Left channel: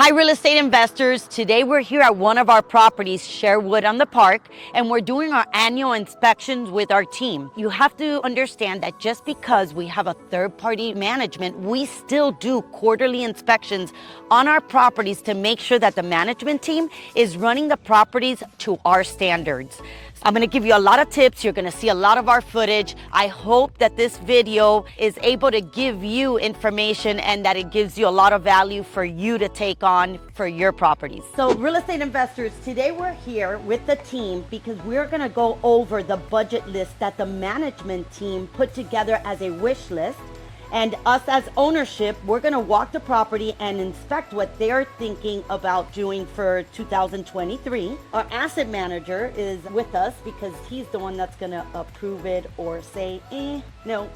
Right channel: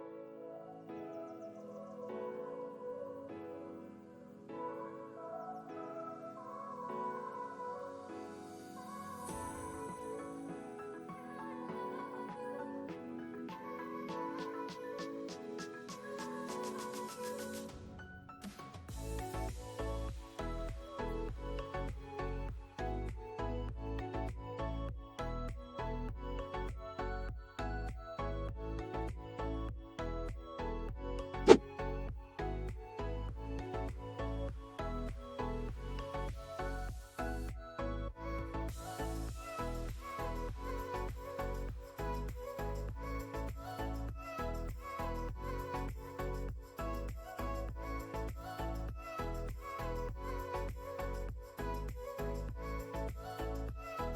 Hi, real estate investors. Today we're here at one of our properties, Sherwood on the Park, and we're doing our annual inspections with our team. You have to understand that just because we have a third-party management, we still do quarterly inspections on our properties to make sure that the management team is running the properties to our standards. I'm gonna give you a lot of tips. You're gonna see a lot of our footage. I hope that this video is able to give you information and that it gives you a lot of value for you to take on for your properties. So real estate investors, today we're here with the team because we're gonna go over the budget list that the management team put together as a wish list. And us as ownership, we're gonna walk the property and inspect what they're thinking about doing for 2023. Our asset manager is with us because he's the one that's gonna approve it or say, no.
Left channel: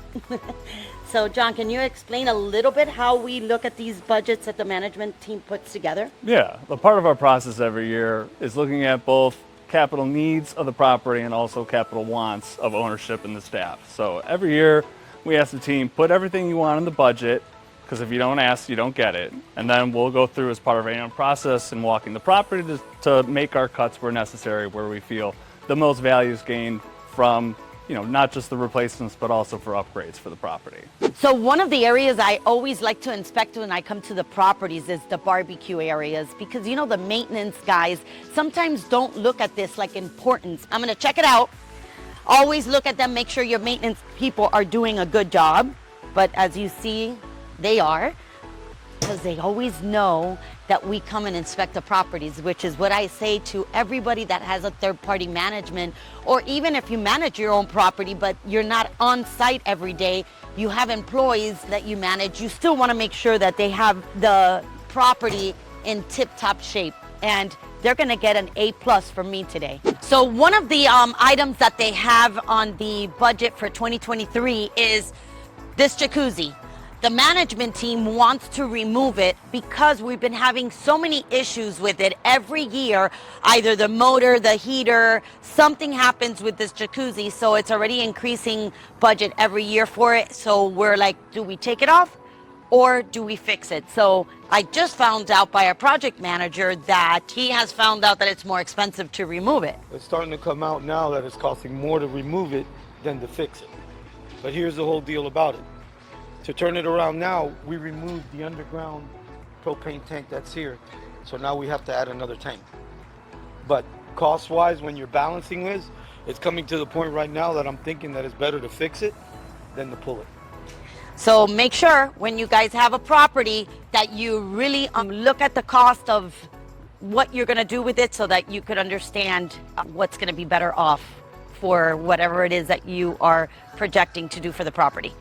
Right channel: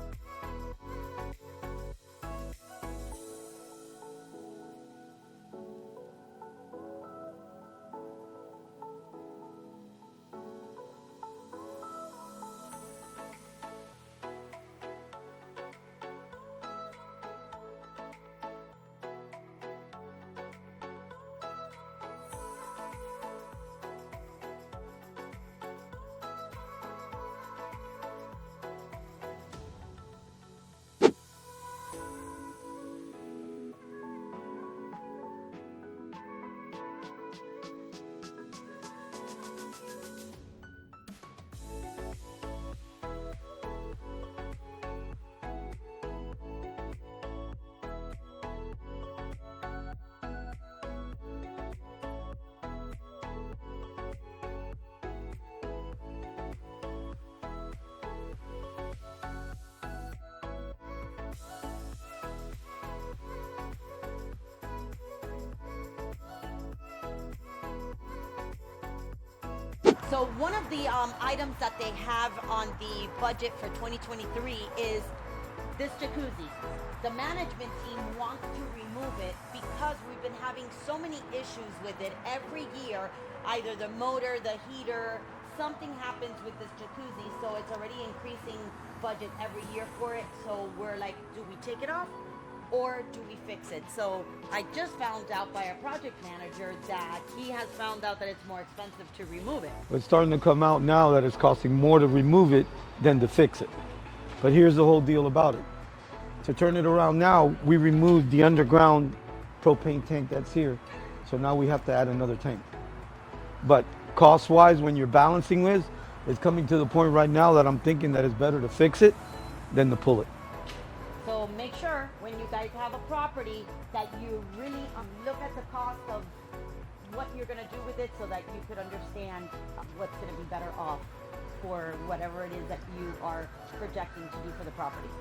So John, can you explain a little bit how we look at these budgets that the management team puts together? Yeah, a part of our process every year is looking at both capital needs of the property and also capital wants of ownership and the staff. So every year, we ask the team, put everything you want in the budget, because if you don't ask, you don't get it. And then we'll go through as part of our annual process and walking the property to make our cuts where necessary, where we feel the most value is gained from, not just the replacements, but also for upgrades for the property. So one of the areas I always like to inspect when I come to the properties is the barbecue areas, because the maintenance guys sometimes don't look at this like importance. I'm gonna check it out. Always look at them, make sure your maintenance people are doing a good job. But as you see, they are, because they always know that we come and inspect the properties, which is what I say to everybody that has a third-party management, or even if you manage your own property, but you're not on site every day, you have employees that you manage, you still want to make sure that they have the property in tip-top shape, and they're gonna get an A+ from me today. So one of the items that they have on the budget for 2023 is this jacuzzi. The management team wants to remove it because we've been having so many issues with it every year. Either the motor, the heater, something happens with this jacuzzi, so it's already increasing budget every year for it. So we're like, do we take it off or do we fix it? So I just found out by our project manager that he has found out that it's more expensive to remove it. It's starting to come out now that it's costing more to remove it than to fix it. But here's the whole deal about it. To turn it around now, we removed the underground propane tank that's here. So now we have to add another tank. But cost-wise, when you're balancing this, it's coming to the point right now that I'm thinking that it's better to fix it than to pull it. So make sure when you guys have a property that you really look at the cost of what you're gonna do with it so that you could understand what's gonna be better off for whatever it is that you are projecting to do for the property.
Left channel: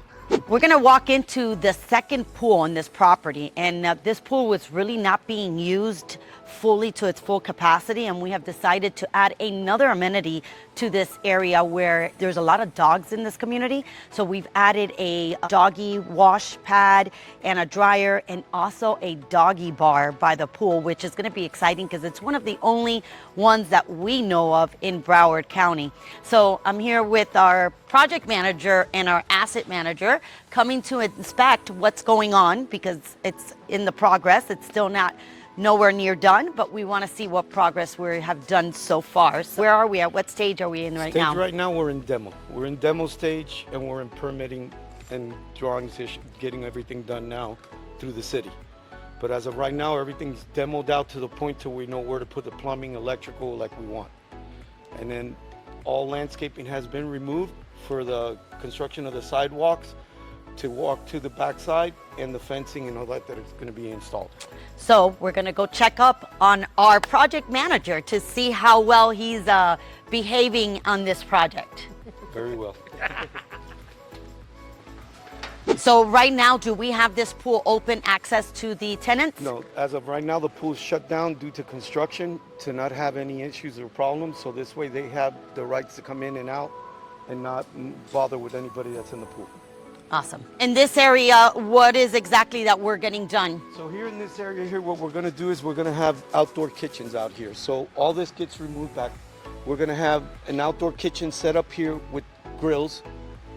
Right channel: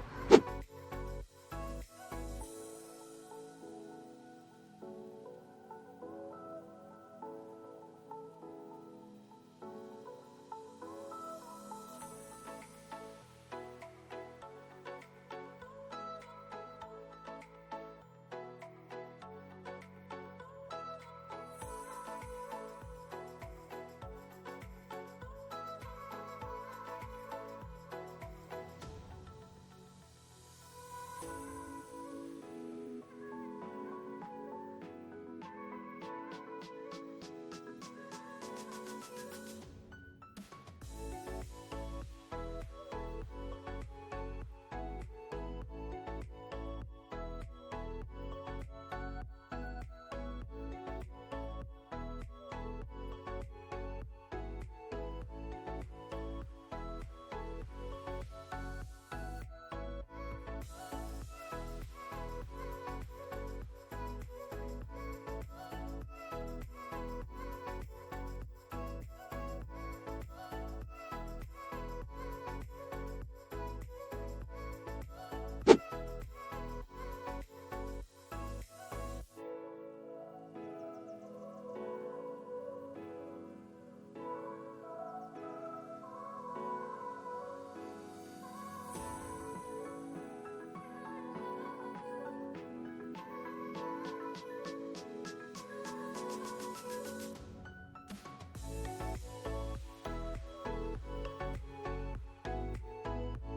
We're gonna walk into the second pool on this property, and this pool was really not being used fully to its full capacity, and we have decided to add another amenity to this area where there's a lot of dogs in this community. So we've added a doggie wash pad and a dryer, and also a doggie bar by the pool, which is gonna be exciting because it's one of the only ones that we know of in Broward County. So I'm here with our project manager and our asset manager coming to inspect what's going on because it's in the progress. It's still nowhere near done, but we want to see what progress we have done so far. So where are we at? What stage are we in right now? Right now we're in demo. We're in demo stage and we're in permitting and drawings, getting everything done now through the city. But as of right now, everything's demoed out to the point to we know where to put the plumbing, electrical like we want. And then all landscaping has been removed for the construction of the sidewalks to walk to the backside and the fencing and all that is going to be installed. So we're going to go check up on our project manager to see how well he's behaving on this project. Very well. So right now, do we have this pool open access to the tenants? No, as of right now, the pool's shut down due to construction to not have any issues or problems. So this way they have the rights to come in and out and not bother with anybody that's in the pool. Awesome. In this area, what is exactly that we're getting done? So here in this area here, what we're gonna do is we're gonna have outdoor kitchens out here. So all this gets removed back. We're gonna have an outdoor kitchen set up here with grills,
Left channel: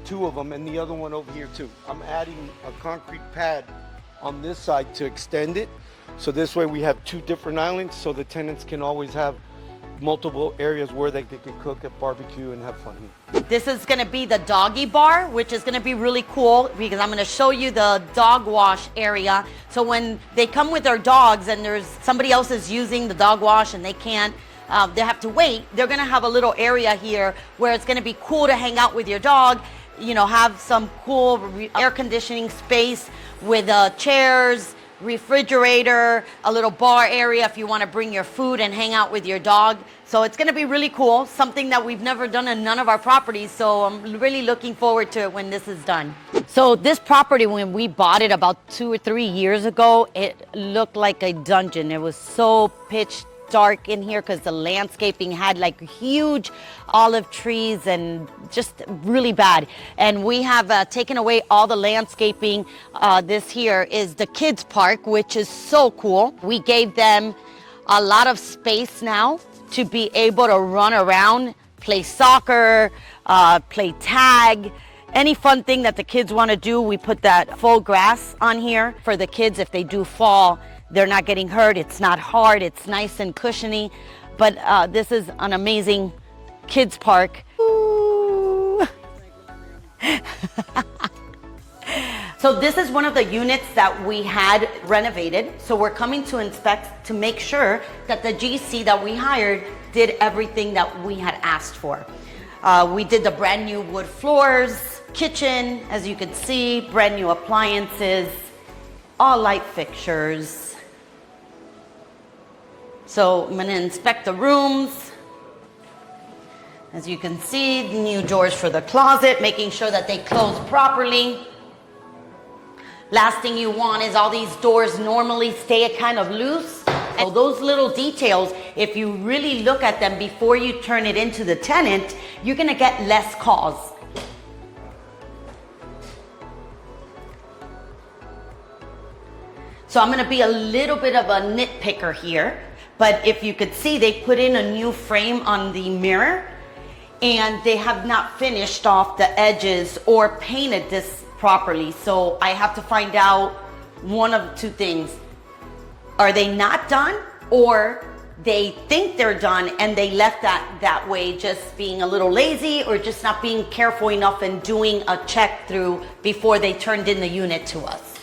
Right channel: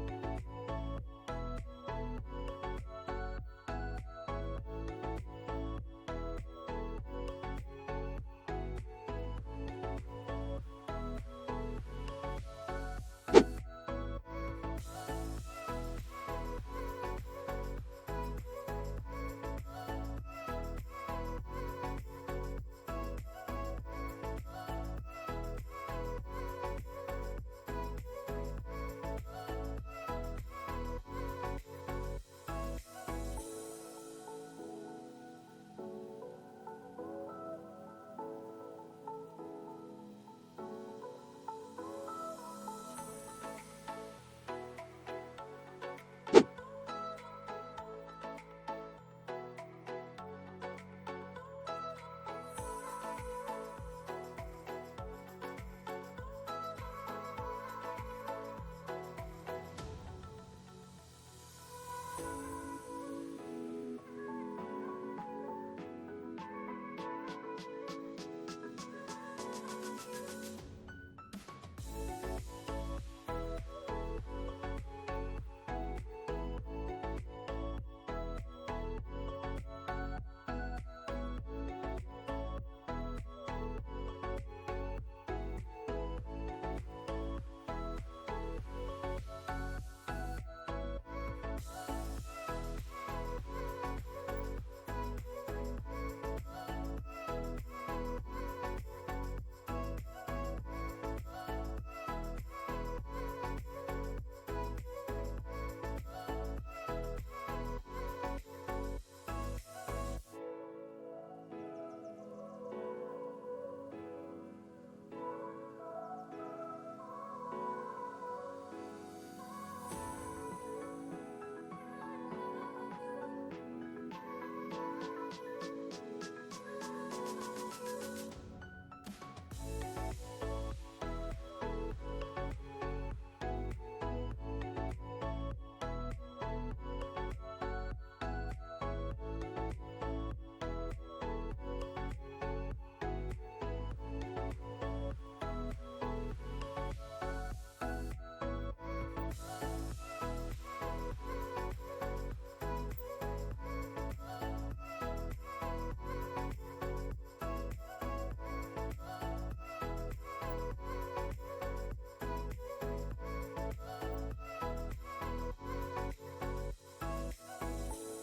2 of them, and the other one over here too. I'm adding a concrete pad on this side to extend it So this way we have 2 different islands, so the tenants can always have multiple areas where they can cook and barbecue and have fun. This is gonna be the doggy bar, which is gonna be really cool because I'm gonna show you the dog wash area. So when they come with their dogs and there's somebody else is using the dog wash and they can't, they have to wait, they're gonna have a little area here where it's gonna be cool to hang out with your dog, you know, have some cool air conditioning space with chairs, refrigerator, a little bar area if you want to bring your food and hang out with your dog. So it's going to be really cool, something that we've never done in none of our properties. So I'm really looking forward to it when this is done. So this property, when we bought it about 2 or 3 years ago, it looked like a dungeon. It was so pitch dark in here because the landscaping had like huge olive trees and just really bad. And we have taken away all the landscaping. This here is the kids park, which is so cool. We gave them a lot of space now to be able to run around, play soccer, play tag, any fun thing that the kids want to do. We put that full grass on here for the kids. If they do fall, they're not getting hurt. It's not hard. It's nice and cushiony. But this is an amazing kids park. Ooh. So this is one of the units that we had renovated. So we're coming to inspect to make sure that the GC that we hired did everything that we had asked for. We did the brand new wood floors, kitchen, as you can see, brand new appliances, all light fixtures. So I'm gonna inspect the rooms. As you can see, new doors for the closet, making sure that they close properly. Last thing you want is all these doors normally stay kind of loose. So those little details, if you really look at them before you turn it into the tenant, you're gonna get less calls. So I'm gonna be a little bit of a nitpicker here, but if you could see, they put in a new frame on the mirror and they have not finished off the edges or painted this properly. So I have to find out one of 2 things. Are they not done, or they think they're done and they left that way, just being a little lazy or just not being careful enough and doing a check through before they turned in the unit to us.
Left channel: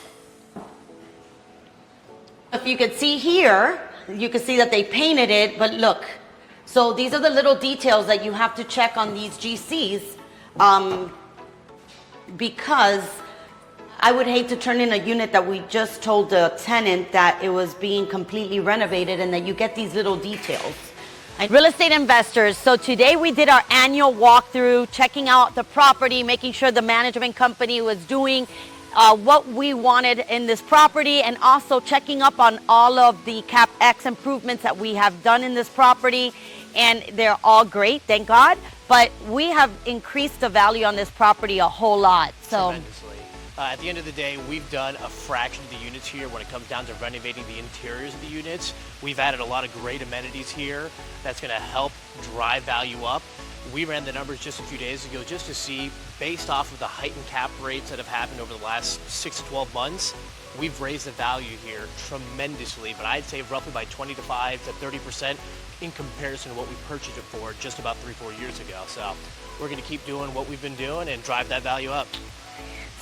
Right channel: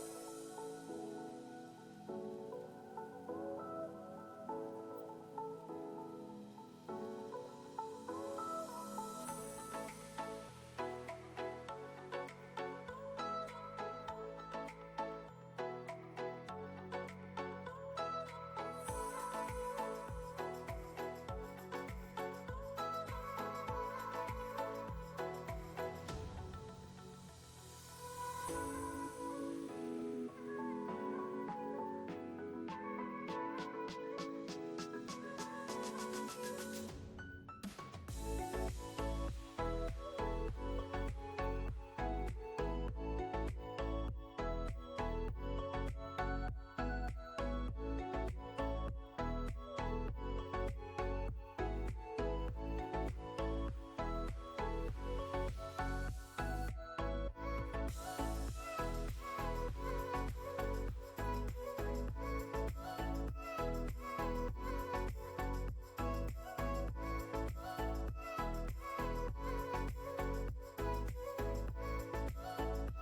If you could see here, you can see that they painted it, but look. So these are the little details that you have to check on these GCs. Because I would hate to turn in a unit that we just told the tenant that it was being completely renovated and that you get these little details. Real estate investors, so today we did our annual walkthrough, checking out the property, making sure the management company was doing what we wanted in this property, and also checking up on all of the CapEx improvements that we have done in this property. And they're all great, thank God. But we have increased the value on this property a whole lot. So tremendously. At the end of the day, we've done a fraction of the units here when it comes down to renovating the interiors of the units. We've added a lot of great amenities here that's going to help drive value up. We ran the numbers just a few days ago just to see, based off of the heightened cap rates that have happened over the last 6 to 12 months, we've raised the value here tremendously, but I'd say roughly by 25 to 30% in comparison to what we purchased it for just about 3-4 years ago. So we're going to keep doing what we've been doing and drive that value up.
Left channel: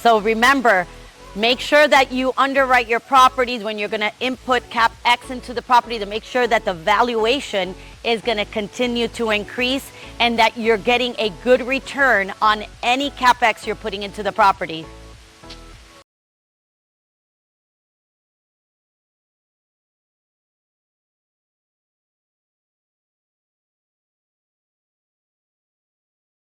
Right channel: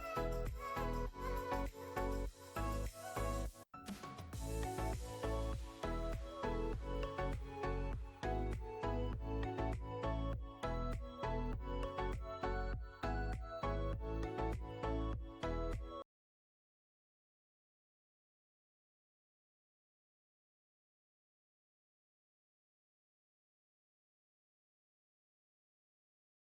So remember, make sure that you underwrite your properties when you're going to input CapEx into the property, to make sure that the valuation is going to continue to increase and that you're getting a good return on any CapEx you're putting into the property.